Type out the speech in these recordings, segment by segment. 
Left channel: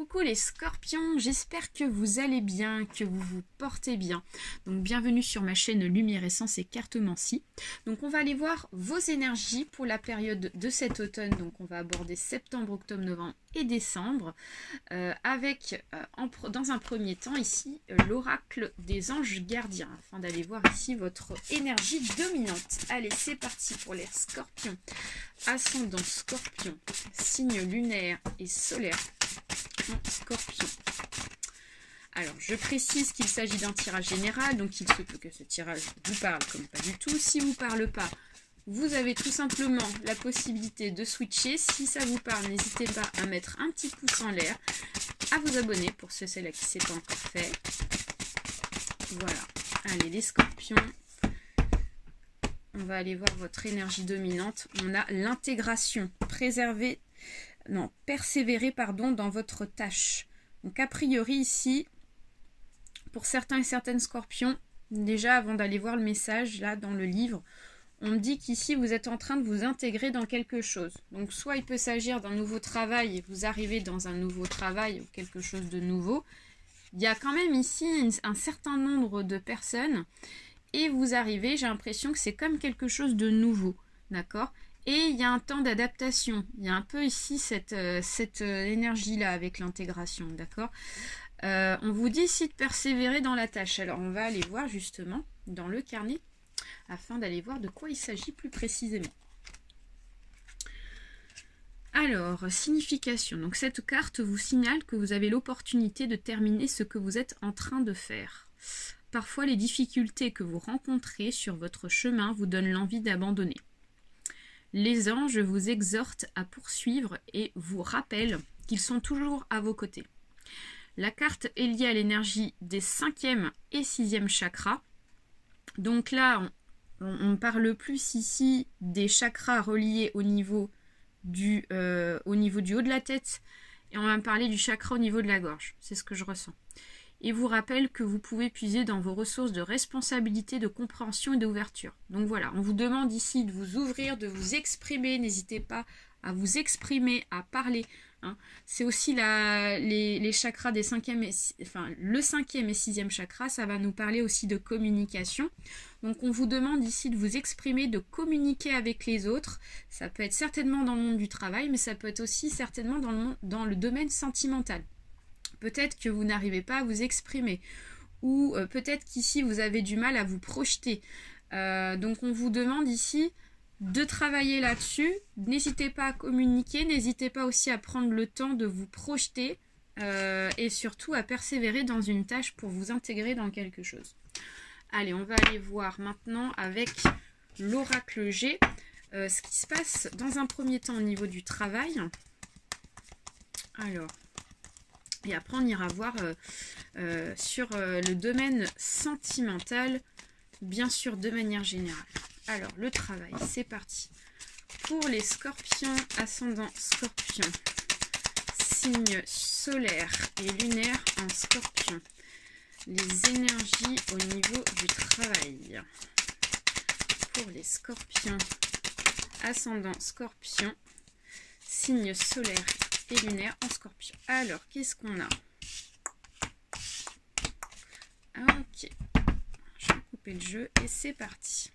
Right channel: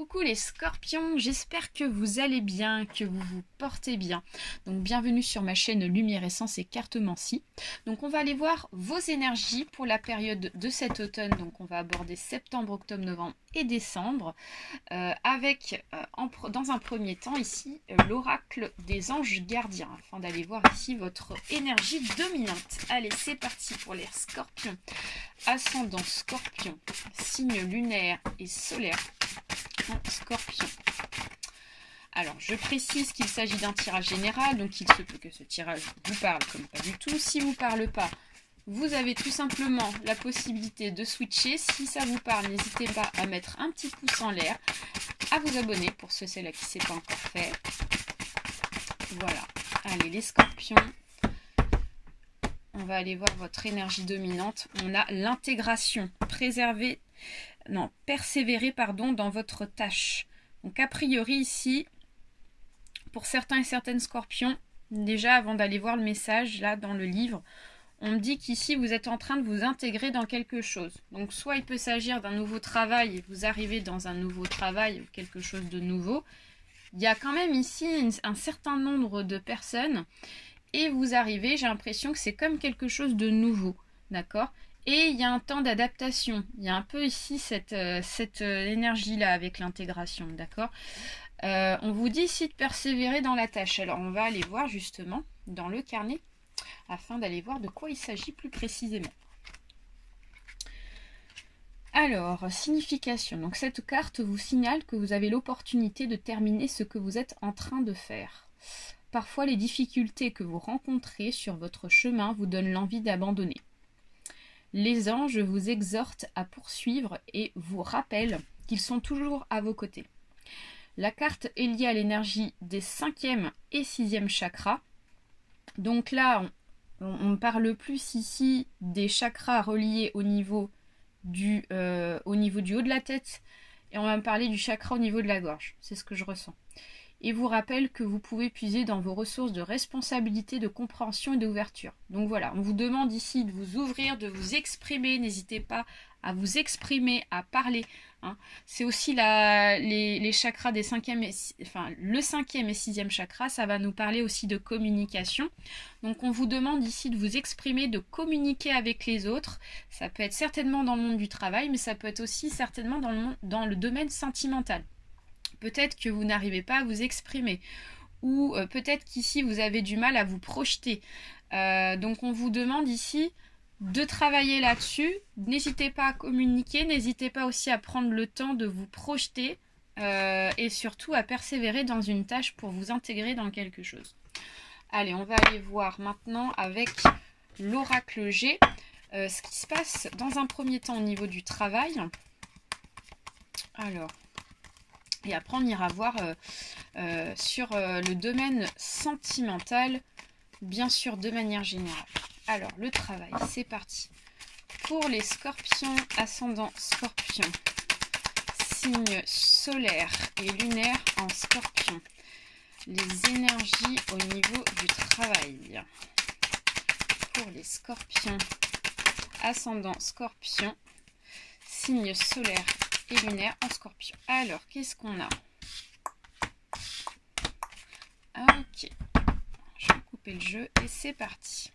Coucou les scorpions, j'espère que vous allez bien, que vous vous portez bien. Donc bienvenue sur ma chaîne Lumière Essence et Cartomancie. Donc on va aller voir vos énergies pour la période de cet automne. Donc on va aborder septembre, octobre, novembre et décembre. Dans un premier temps ici, l'oracle des anges gardiens. Afin d'aller voir ici votre énergie dominante. Allez, c'est parti pour les scorpions. Ascendant scorpion, signe lunaire et solaire. Scorpion. Alors, je précise qu'il s'agit d'un tirage général, donc il se peut que ce tirage vous parle comme pas du tout. Si vous ne parle pas, vous avez tout simplement la possibilité de switcher. Si ça vous parle, n'hésitez pas à mettre un petit pouce en l'air, à vous abonner pour ceux et celles qui ne s'est pas encore fait. Voilà. Allez, les scorpions. On va aller voir votre énergie dominante. On a l'intégration, persévérer dans votre tâche. Donc a priori ici, pour certains et certaines scorpions, déjà avant d'aller voir le message là dans le livre, on me dit qu'ici vous êtes en train de vous intégrer dans quelque chose. Donc soit il peut s'agir d'un nouveau travail et vous arrivez dans un nouveau travail ou quelque chose de nouveau. Il y a quand même ici un certain nombre de personnes et vous arrivez, j'ai l'impression que c'est comme quelque chose de nouveau, d'accord ? Et il y a un temps d'adaptation. Il y a un peu ici cette énergie-là avec l'intégration, d'accord ? On vous dit ici de persévérer dans la tâche. Alors, on va aller voir justement dans le carnet afin d'aller voir de quoi il s'agit plus précisément. Alors, signification. Donc, cette carte vous signale que vous avez l'opportunité de terminer ce que vous êtes en train de faire. Parfois, les difficultés que vous rencontrez sur votre chemin vous donnent l'envie d'abandonner. Les anges vous exhortent à poursuivre et vous rappellent qu'ils sont toujours à vos côtés. La carte est liée à l'énergie des 5e et 6e chakras. Donc là, on parle plus ici des chakras reliés au niveau du haut de la tête et on va me parler du chakra au niveau de la gorge. C'est ce que je ressens. Et vous rappelle que vous pouvez puiser dans vos ressources de responsabilité, de compréhension et d'ouverture. Donc voilà, on vous demande ici de vous ouvrir, de vous exprimer. N'hésitez pas à vous exprimer, à parler. Hein. C'est aussi les chakras des 5e le 5e et 6e chakra, ça va nous parler aussi de communication. Donc on vous demande ici de vous exprimer, de communiquer avec les autres. Ça peut être certainement dans le monde du travail, mais ça peut être aussi certainement dans le domaine sentimental. Peut-être que vous n'arrivez pas à vous exprimer ou peut-être qu'ici vous avez du mal à vous projeter. Donc on vous demande ici de travailler là-dessus. N'hésitez pas à communiquer, n'hésitez pas aussi à prendre le temps de vous projeter et surtout à persévérer dans une tâche pour vous intégrer dans quelque chose. Allez, on va aller voir maintenant avec l'oracle G ce qui se passe dans un premier temps au niveau du travail. Alors... Et après, on ira voir sur le domaine sentimental, bien sûr, de manière générale. Alors, le travail, c'est parti. Pour les scorpions, ascendant scorpion, signe solaire et lunaire en scorpion. Les énergies au niveau du travail. Pour les scorpions, ascendant scorpion, signe solaire et lunaire en scorpion. Alors, qu'est-ce qu'on a? Ok. Je vais couper le jeu et c'est parti.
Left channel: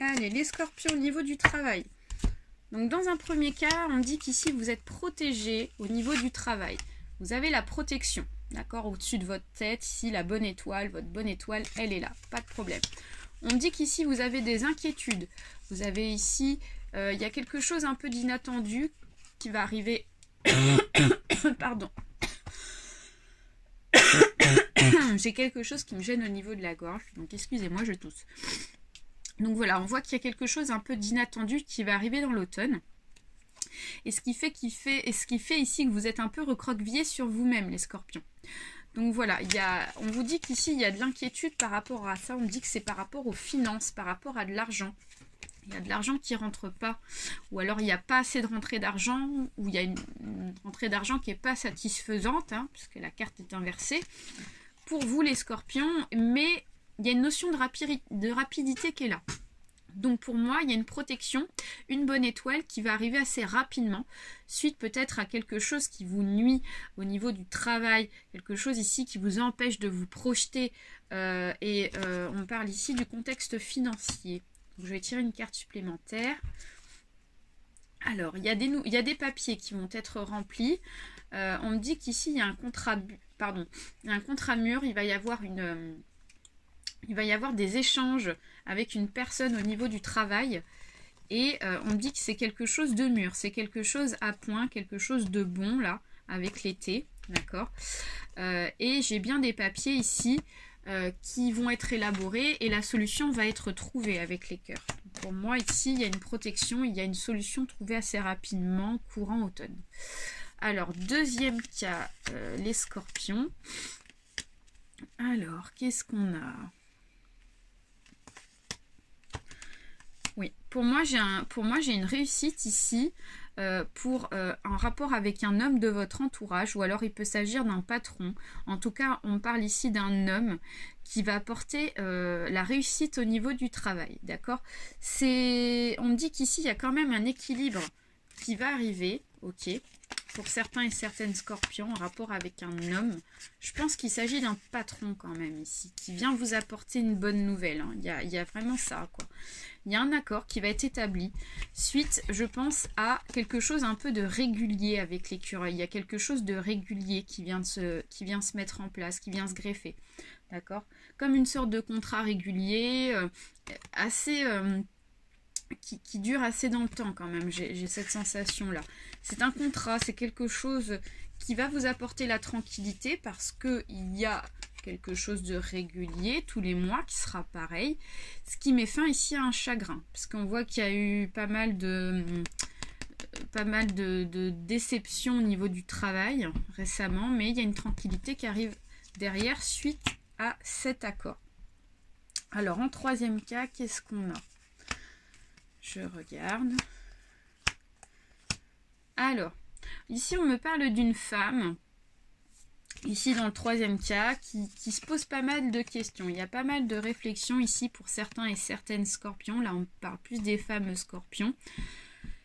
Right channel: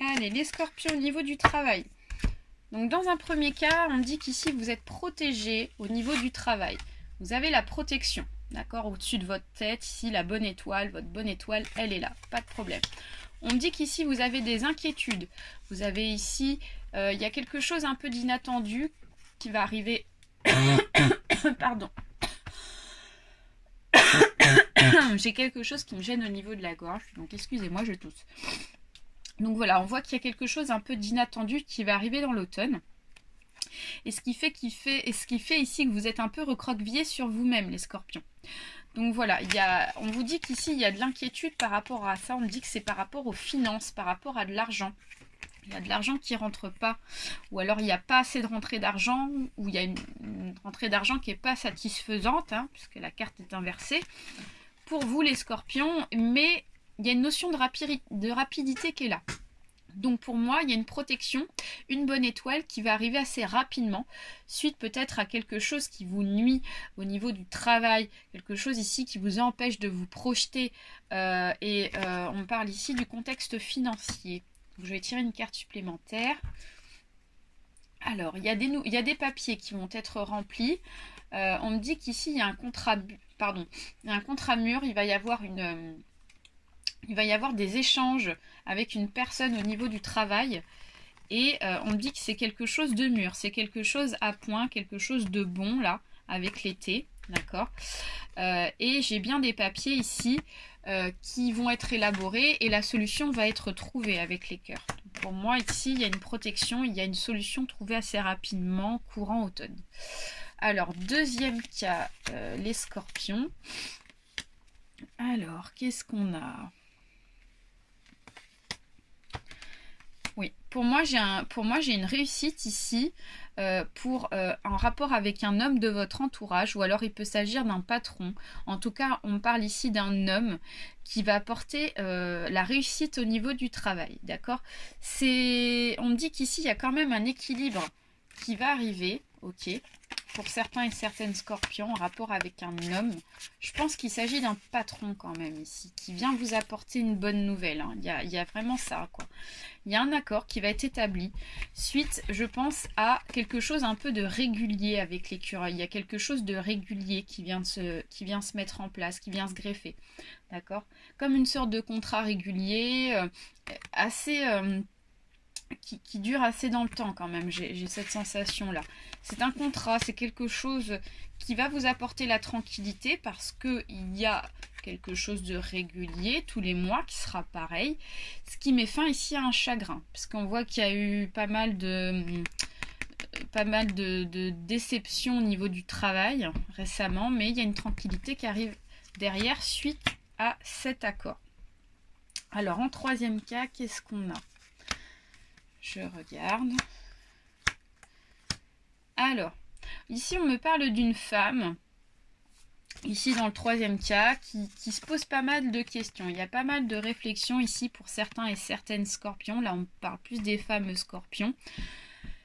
Allez, les scorpions au niveau du travail. Donc, dans un premier cas, on dit qu'ici, vous êtes protégé au niveau du travail. Vous avez la protection. D'accord, au-dessus de votre tête, ici, la bonne étoile, votre bonne étoile, elle est là, pas de problème. On me dit qu'ici, vous avez des inquiétudes. Vous avez ici, il y a quelque chose un peu d'inattendu qui va arriver. Pardon. J'ai quelque chose qui me gêne au niveau de la gorge, donc excusez-moi, je tousse. Donc voilà, on voit qu'il y a quelque chose un peu d'inattendu qui va arriver dans l'automne. Et ce qui fait ici que vous êtes un peu recroquevillé sur vous-même, les scorpions. Donc voilà, on vous dit qu'ici, il y a de l'inquiétude par rapport à ça. On me dit que c'est par rapport aux finances, par rapport à de l'argent. Il y a de l'argent qui ne rentre pas. Ou alors, il n'y a pas assez de rentrée d'argent. Ou il y a une rentrée d'argent qui n'est pas satisfaisante, hein, puisque la carte est inversée. Pour vous, les scorpions. Mais il y a une notion de rapidité qui est là. Donc pour moi, il y a une protection, une bonne étoile qui va arriver assez rapidement, suite peut-être à quelque chose qui vous nuit au niveau du travail, quelque chose ici qui vous empêche de vous projeter, on parle ici du contexte financier. Donc, je vais tirer une carte supplémentaire. Alors, il y a des papiers qui vont être remplis. On me dit qu'ici, il y a un contrat, mûr, il va y avoir des échanges avec une personne au niveau du travail et on me dit que c'est quelque chose de mûr, c'est quelque chose à point, quelque chose de bon là avec l'été, d'accord, et j'ai bien des papiers ici qui vont être élaborés et la solution va être trouvée avec les cœurs. Donc pour moi ici il y a une protection, il y a une solution trouvée assez rapidement courant automne. Alors deuxième cas, les scorpions. Alors qu'est-ce qu'on a? Oui, pour moi j'ai une réussite ici en rapport avec un homme de votre entourage, ou alors il peut s'agir d'un patron. En tout cas, on parle ici d'un homme qui va apporter la réussite au niveau du travail, d'accord? On me dit qu'ici il y a quand même un équilibre qui va arriver, ok? Pour certains et certaines scorpions, en rapport avec un homme, je pense qu'il s'agit d'un patron quand même ici, qui vient vous apporter une bonne nouvelle, hein. Il y a vraiment ça, quoi. Il y a un accord qui va être établi suite, je pense, à quelque chose un peu de régulier avec l'écureuil. Il y a quelque chose de régulier qui vient se mettre en place, qui vient se greffer. D'accord? Comme une sorte de contrat régulier, qui dure assez dans le temps quand même. J'ai cette sensation-là. C'est un contrat, c'est quelque chose qui va vous apporter la tranquillité parce qu'il y a quelque chose de régulier tous les mois qui sera pareil, ce qui met fin ici à un chagrin parce qu'on voit qu'il y a eu pas mal de déceptions au niveau du travail récemment, mais il y a une tranquillité qui arrive derrière suite à cet accord. Alors en troisième cas, qu'est-ce qu'on a? Je regarde. Alors ici on me parle d'une femme, ici dans le troisième cas, qui se pose pas mal de questions. Il y a pas mal de réflexions ici pour certains et certaines scorpions. Là on parle plus des femmes scorpions.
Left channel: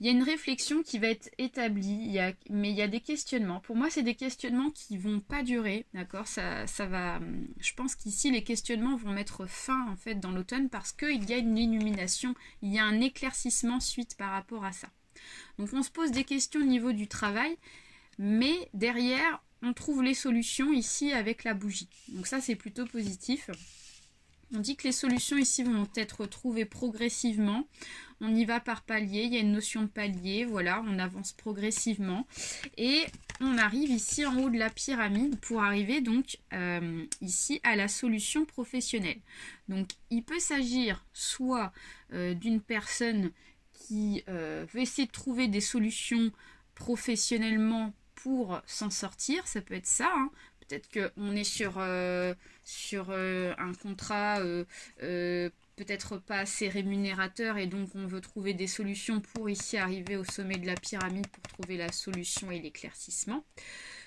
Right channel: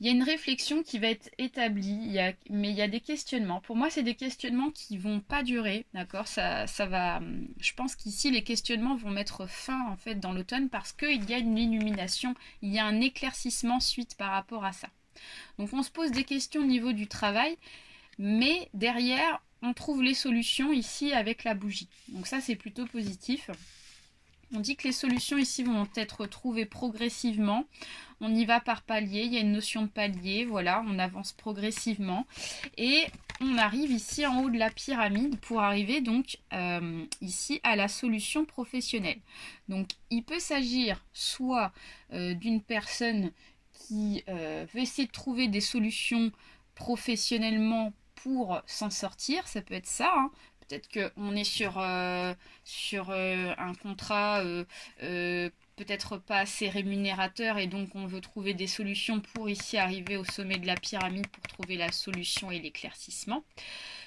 Il y a une réflexion qui va être établie, mais il y a des questionnements. Pour moi c'est des questionnements qui vont pas durer, d'accord, ça va. Je pense qu'ici les questionnements vont mettre fin en fait dans l'automne parce qu'il y a une illumination, il y a un éclaircissement suite par rapport à ça. Donc on se pose des questions au niveau du travail, mais derrière on trouve les solutions ici avec la bougie. Donc ça c'est plutôt positif. On dit que les solutions ici vont être trouvées progressivement. On y va par palier, il y a une notion de palier, voilà, on avance progressivement. Et on arrive ici en haut de la pyramide pour arriver donc ici à la solution professionnelle. Donc il peut s'agir soit d'une personne qui veut essayer de trouver des solutions professionnellement pour s'en sortir, ça peut être ça, hein. Peut-être qu'on est sur un contrat peut-être pas assez rémunérateur et donc on veut trouver des solutions pour ici arriver au sommet de la pyramide pour trouver la solution et l'éclaircissement.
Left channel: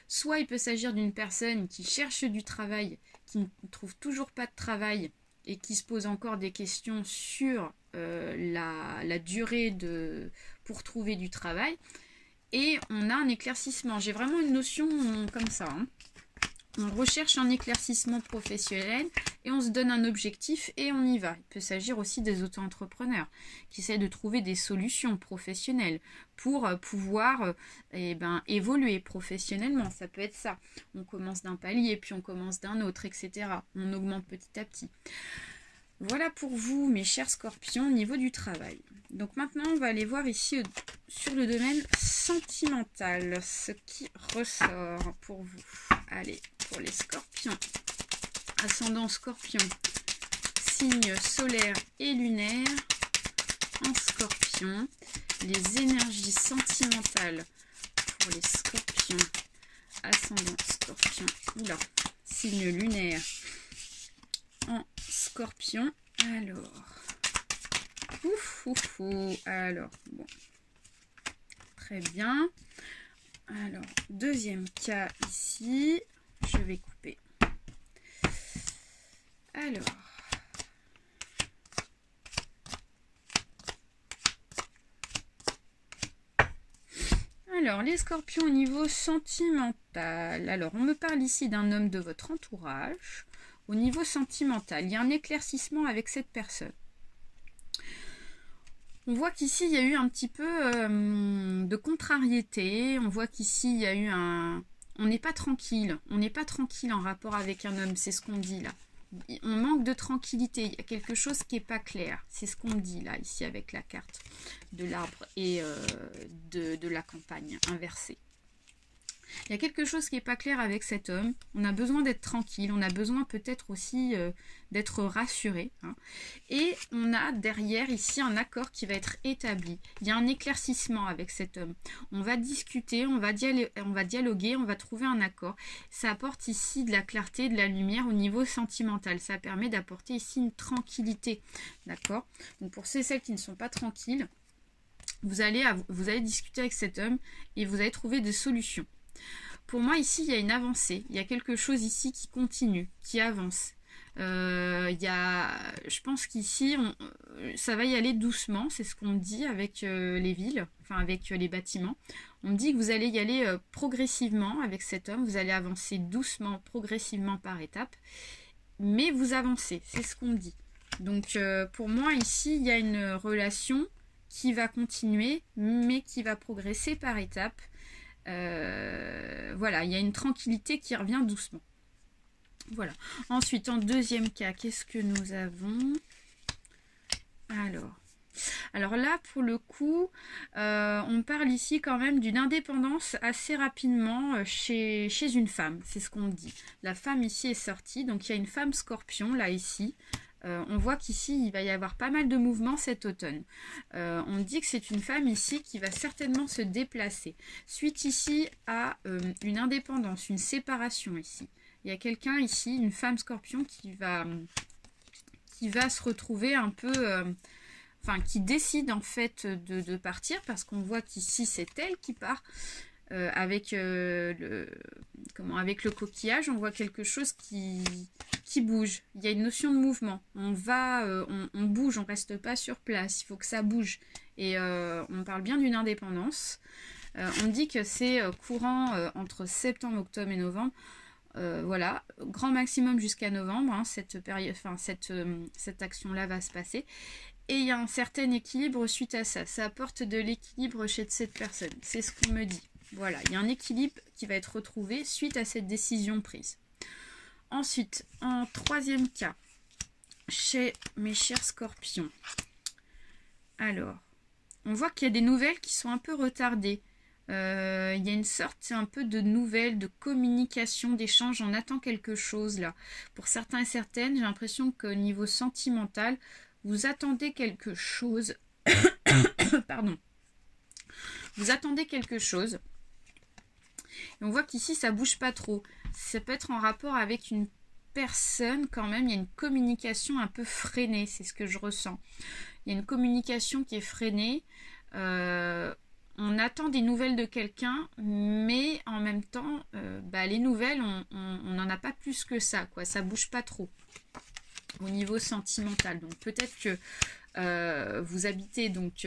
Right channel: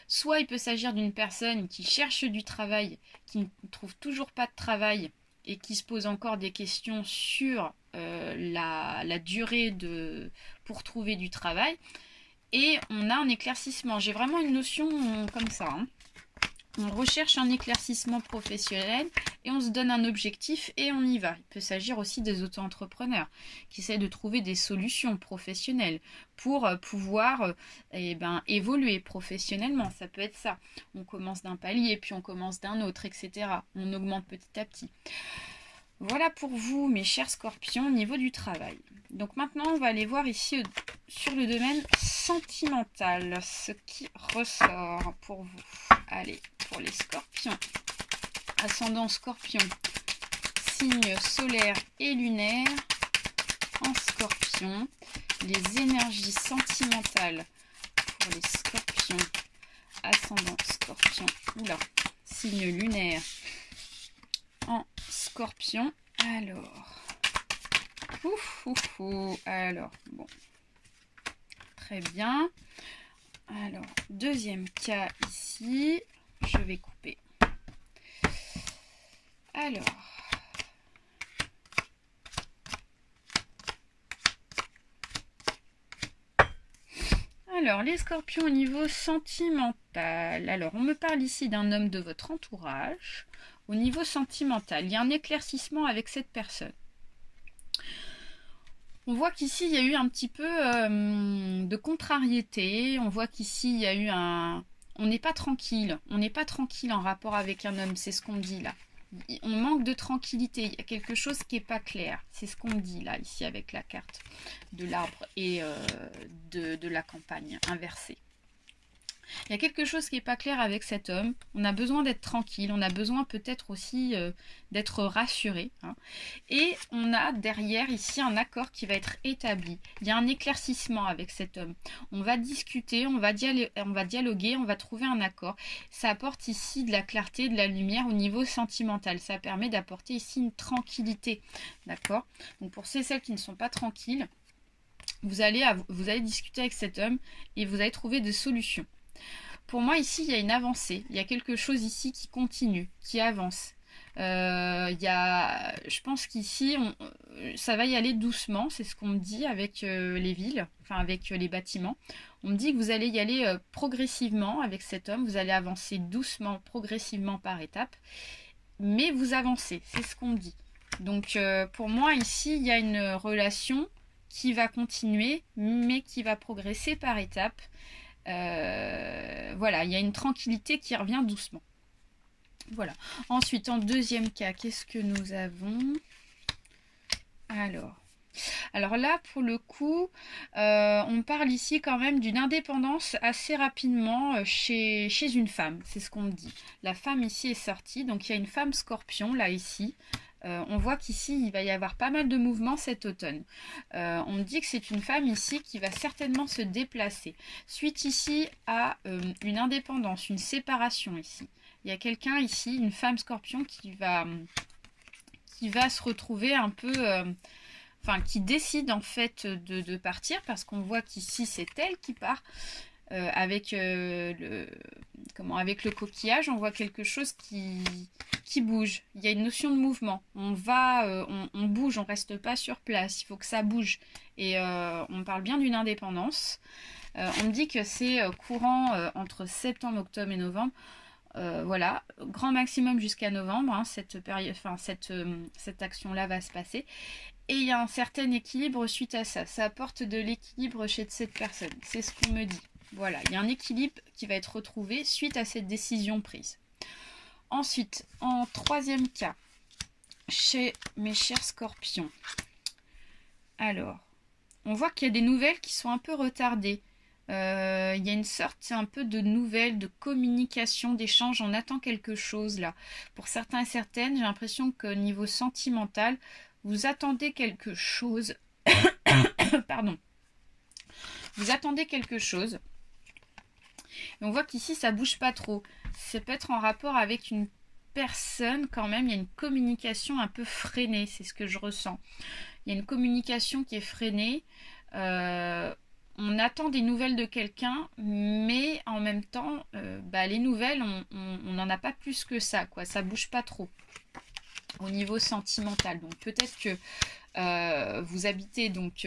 Soit il peut s'agir d'une personne qui cherche du travail, qui ne trouve toujours pas de travail et qui se pose encore des questions sur la durée pour trouver du travail. Et on a un éclaircissement. J'ai vraiment une notion comme ça, hein. On recherche un éclaircissement professionnel et on se donne un objectif et on y va. Il peut s'agir aussi des auto-entrepreneurs qui essaient de trouver des solutions professionnelles pour pouvoir évoluer professionnellement. Ça peut être ça. On commence d'un palier, puis on commence d'un autre, etc. On augmente petit à petit. Voilà pour vous, mes chers scorpions, au niveau du travail. Donc maintenant, on va aller voir ici sur le domaine sentimental, ce qui ressort pour vous. Allez, pour les scorpions, ascendant scorpion, signe solaire et lunaire, en scorpion, les énergies sentimentales pour les scorpions, ascendant scorpion, signe lunaire, en scorpion. Alors, bon, très bien. Alors, deuxième cas ici, je vais couper. Alors, Alors, les scorpions au niveau sentimental. Alors, on me parle ici d'un homme de votre entourage. Au niveau sentimental, il y a un éclaircissement avec cette personne. On voit qu'ici, il y a eu un petit peu de contrariété. On voit qu'ici, il y a eu un... On n'est pas tranquille. On n'est pas tranquille en rapport avec un homme. C'est ce qu'on me dit là. On manque de tranquillité. Il y a quelque chose qui n'est pas clair. C'est ce qu'on me dit là, ici, avec la carte de l'arbre et de la campagne inversée. Il y a quelque chose qui n'est pas clair avec cet homme. On a besoin d'être tranquille. On a besoin peut-être aussi d'être rassuré. Hein. Et on a derrière ici un accord qui va être établi. Il y a un éclaircissement avec cet homme. On va discuter, on va dialoguer, on va trouver un accord. Ça apporte ici de la clarté, de la lumière au niveau sentimental. Ça permet d'apporter ici une tranquillité. D'accord? Donc pour ceux et celles qui ne sont pas tranquilles, vous allez discuter avec cet homme et vous allez trouver des solutions. Pour moi, ici, il y a une avancée. Il y a quelque chose ici qui continue, qui avance. Je pense qu'ici, ça va y aller doucement. C'est ce qu'on me dit avec les villes, enfin avec les bâtiments. On me dit que vous allez y aller progressivement avec cet homme. Vous allez avancer doucement, progressivement par étapes. Mais vous avancez, c'est ce qu'on me dit. Donc, pour moi, ici, il y a une relation qui va continuer, mais qui va progresser par étapes. Voilà, il y a une tranquillité qui revient doucement. Voilà. Ensuite, en deuxième cas, qu'est-ce que nous avons? Alors là, pour le coup, on parle ici quand même d'une indépendance assez rapidement chez une femme. C'est ce qu'on me dit. La femme ici est sortie. Donc, il y a une femme scorpion, là, ici. On voit qu'ici, il va y avoir pas mal de mouvements cet automne. On me dit que c'est une femme ici qui va certainement se déplacer. Suite ici à une indépendance, une séparation ici. Il y a quelqu'un ici, une femme scorpion qui va se retrouver un peu... qui décide en fait de partir parce qu'on voit qu'ici, c'est elle qui part. Avec le coquillage, on voit quelque chose qui bouge. Il y a une notion de mouvement. On bouge, on reste pas sur place. Il faut que ça bouge. Et on parle bien d'une indépendance. On me dit que c'est courant entre septembre, octobre et novembre. Voilà, grand maximum jusqu'à novembre. Hein, cette période, cette action-là va se passer. Et il y a un certain équilibre suite à ça. Ça apporte de l'équilibre chez cette personne. C'est ce qu'on me dit. Voilà, il y a un équilibre qui va être retrouvé suite à cette décision prise. Ensuite, en troisième cas, chez mes chers scorpions. Alors, on voit qu'il y a des nouvelles qui sont un peu retardées. Il y a une sorte un peu de nouvelles, de communication, d'échange. On attend quelque chose là. Pour certains et certaines, j'ai l'impression qu'au niveau sentimental, vous attendez quelque chose. Pardon. Vous attendez quelque chose. Et on voit qu'ici, ça bouge pas trop. Ça peut être en rapport avec une personne quand même. Il y a une communication un peu freinée. C'est ce que je ressens. Il y a une communication qui est freinée. On attend des nouvelles de quelqu'un, mais en même temps, les nouvelles, on n'en a pas plus que ça, quoi. Ça bouge pas trop au niveau sentimental. Donc peut-être que vous habitez donc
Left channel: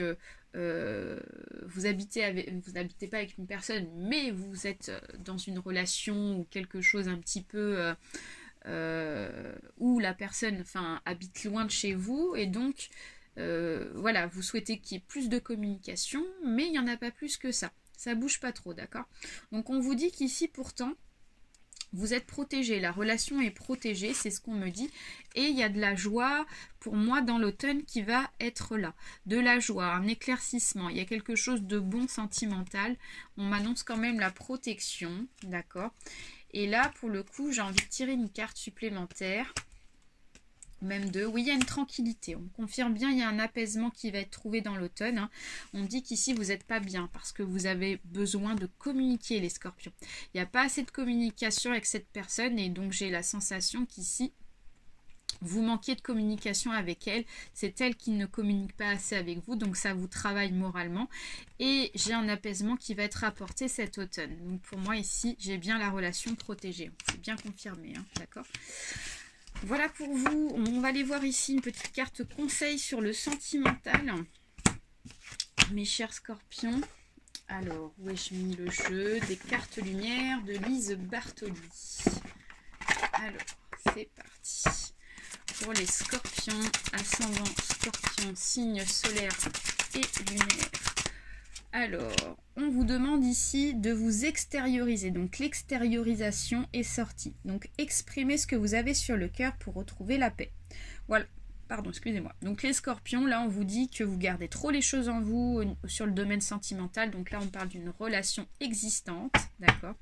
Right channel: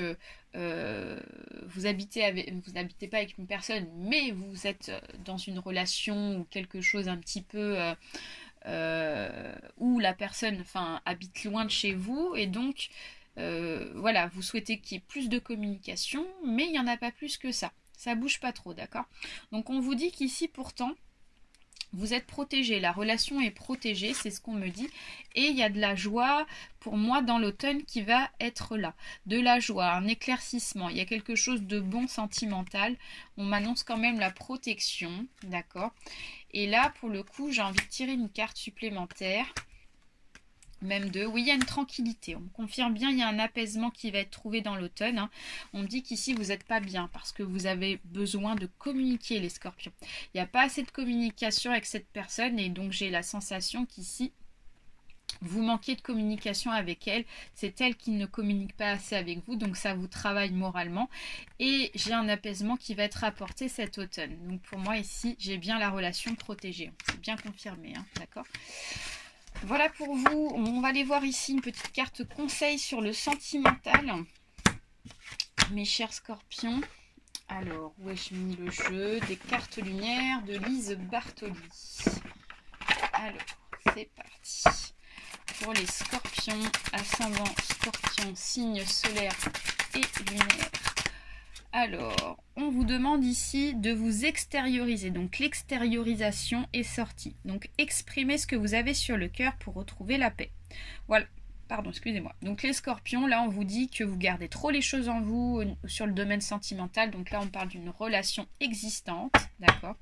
vous n'habitez pas avec une personne, mais vous êtes dans une relation ou quelque chose un petit peu où la personne habite loin de chez vous et donc voilà, vous souhaitez qu'il y ait plus de communication, mais il n'y en a pas plus que ça. Ça bouge pas trop, d'accord? Donc on vous dit qu'ici pourtant vous êtes protégé, la relation est protégée, c'est ce qu'on me dit. Et il y a de la joie pour moi dans l'automne qui va être là. De la joie, un éclaircissement, il y a quelque chose de bon sentimental. On m'annonce quand même la protection, d'accord? Et là, pour le coup, j'ai envie de tirer une carte supplémentaire. Même deux. Oui, il y a une tranquillité. On me confirme bien, il y a un apaisement qui va être trouvé dans l'automne. Hein. On me dit qu'ici, vous n'êtes pas bien parce que vous avez besoin de communiquer, les scorpions. Il n'y a pas assez de communication avec cette personne et donc j'ai la sensation qu'ici, vous manquez de communication avec elle. C'est elle qui ne communique pas assez avec vous, donc ça vous travaille moralement. Et j'ai un apaisement qui va être apporté cet automne. Donc pour moi, ici, j'ai bien la relation protégée. C'est bien confirmé, hein, d'accord ? Voilà pour vous. On va aller voir ici une petite carte conseil sur le sentimental. Mes chers scorpions. Alors, où ai-je mis le jeu des cartes lumière de Lise Bartoli? Alors, c'est parti. Pour les scorpions, ascendant scorpion, signe solaire et lunaire. Alors, on vous demande ici de vous extérioriser. Donc, l'extériorisation est sortie. Donc, exprimez ce que vous avez sur le cœur pour retrouver la paix. Voilà. Pardon, excusez-moi. Donc, les scorpions, là, on vous dit que vous gardez trop les choses en vous sur le domaine sentimental. Donc, là, on parle d'une relation existante. D'accord ?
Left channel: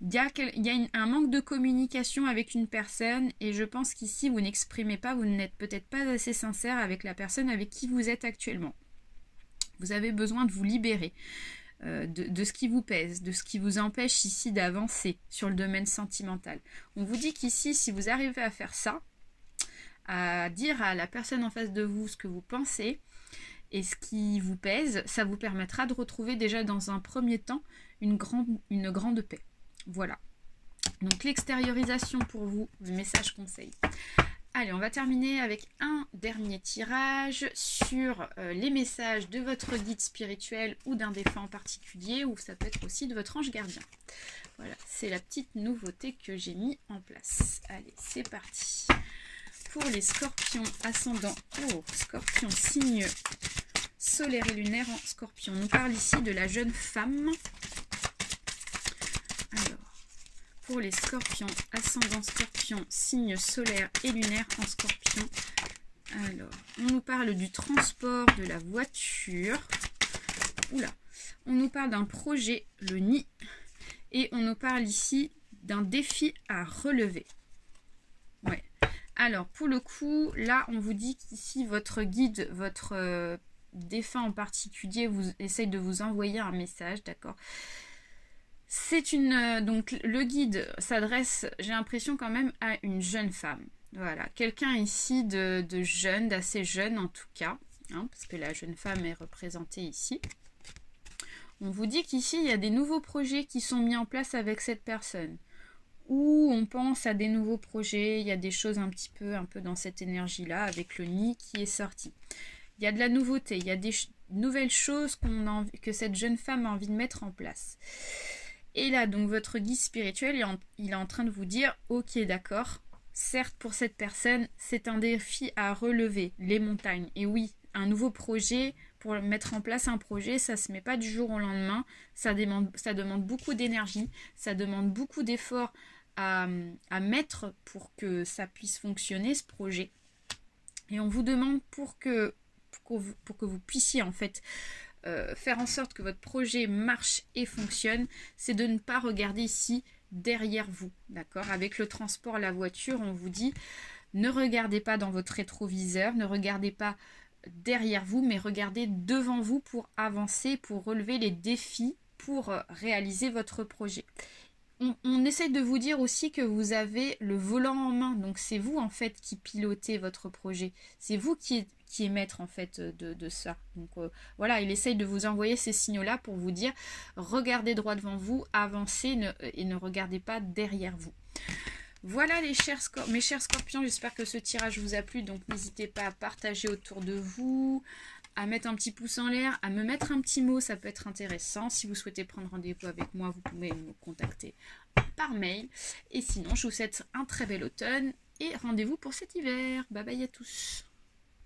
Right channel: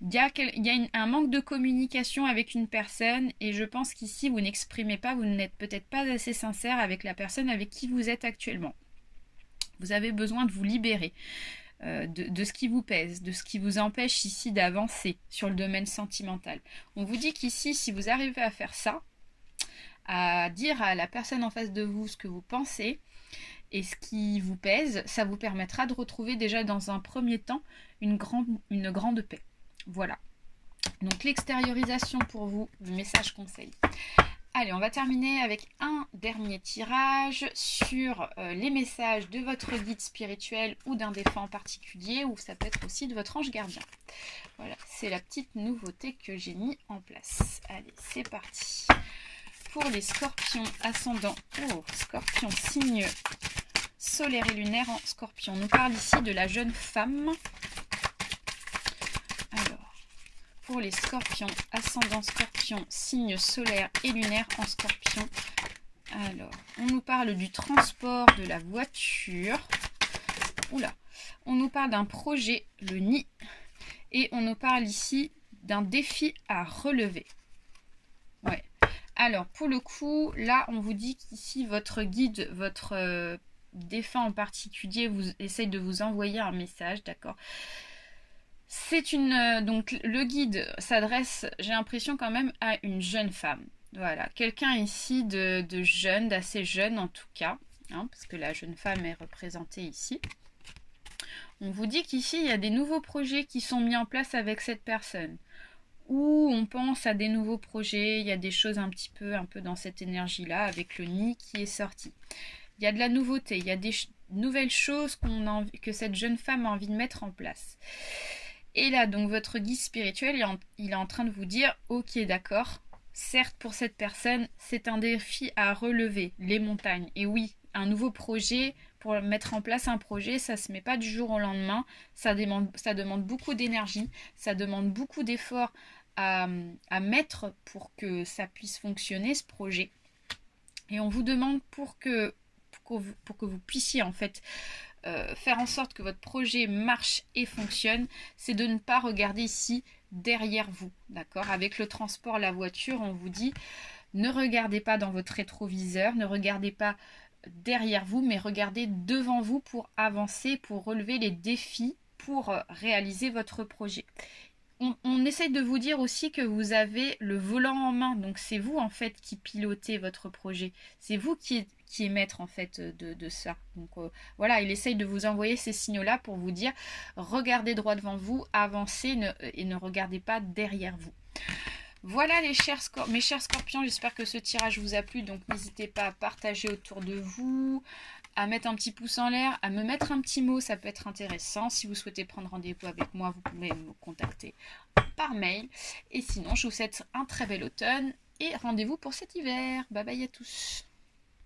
Il y a un manque de communication avec une personne et je pense qu'ici, vous n'exprimez pas, vous n'êtes peut-être pas assez sincère avec la personne avec qui vous êtes actuellement. Vous avez besoin de vous libérer de ce qui vous pèse, de ce qui vous empêche ici d'avancer sur le domaine sentimental. On vous dit qu'ici, si vous arrivez à faire ça, à dire à la personne en face de vous ce que vous pensez et ce qui vous pèse, ça vous permettra de retrouver déjà dans un premier temps une grande paix. Voilà. Donc l'extériorisation pour vous, le message conseil. Allez, on va terminer avec un dernier tirage sur les messages de votre guide spirituel ou d'un défunt en particulier, ou ça peut être aussi de votre ange gardien. Voilà, c'est la petite nouveauté que j'ai mis en place. Allez, c'est parti. Pour les scorpions ascendants, scorpion signe solaire et lunaire en scorpion. On nous parle ici de la jeune femme. Alors, pour les scorpions, ascendant scorpion, signe solaire et lunaire en scorpion. Alors, on nous parle du transport de la voiture. Oula, on nous parle d'un projet, le nid. Et on nous parle ici d'un défi à relever. Ouais. Alors, pour le coup, là, on vous dit qu'ici, votre guide, votre défunt en particulier, vous essaye de vous envoyer un message, d'accord ? C'est donc le guide s'adresse, j'ai l'impression quand même, à une jeune femme. Voilà, quelqu'un ici de jeune, d'assez jeune en tout cas, hein, parce que la jeune femme est représentée ici. On vous dit qu'ici, il y a des nouveaux projets qui sont mis en place avec cette personne. Ou on pense à des nouveaux projets, il y a des choses un peu dans cette énergie-là, avec le nid qui est sorti. Il y a de la nouveauté, il y a des nouvelles choses que cette jeune femme a envie de mettre en place. Et là, donc, votre guide spirituel, il est en train de vous dire, ok, d'accord, certes, pour cette personne, c'est un défi à relever, les montagnes. Et oui, un nouveau projet, pour mettre en place un projet, ça ne se met pas du jour au lendemain, ça demande beaucoup d'énergie, ça demande beaucoup d'efforts à mettre pour que ça puisse fonctionner, ce projet. Et on vous demande pour que vous puissiez, en fait, faire en sorte que votre projet marche et fonctionne, c'est de ne pas regarder ici derrière vous, d'accord ? Avec le transport, la voiture, on vous dit, ne regardez pas dans votre rétroviseur, ne regardez pas derrière vous, mais regardez devant vous pour avancer, pour relever les défis, pour réaliser votre projet. On essaye de vous dire aussi que vous avez le volant en main, donc c'est vous en fait qui pilotez votre projet, c'est vous qui est maître en fait de ça. Donc voilà, il essaye de vous envoyer ces signaux-là pour vous dire regardez droit devant vous, avancez et ne regardez pas derrière vous. Voilà mes chers scorpions, j'espère que ce tirage vous a plu, donc n'hésitez pas à partager autour de vous, à mettre un petit pouce en l'air, à me mettre un petit mot, ça peut être intéressant. Si vous souhaitez prendre rendez-vous avec moi, vous pouvez me contacter par mail. Et sinon, je vous souhaite un très bel automne et rendez-vous pour cet hiver. Bye bye à tous.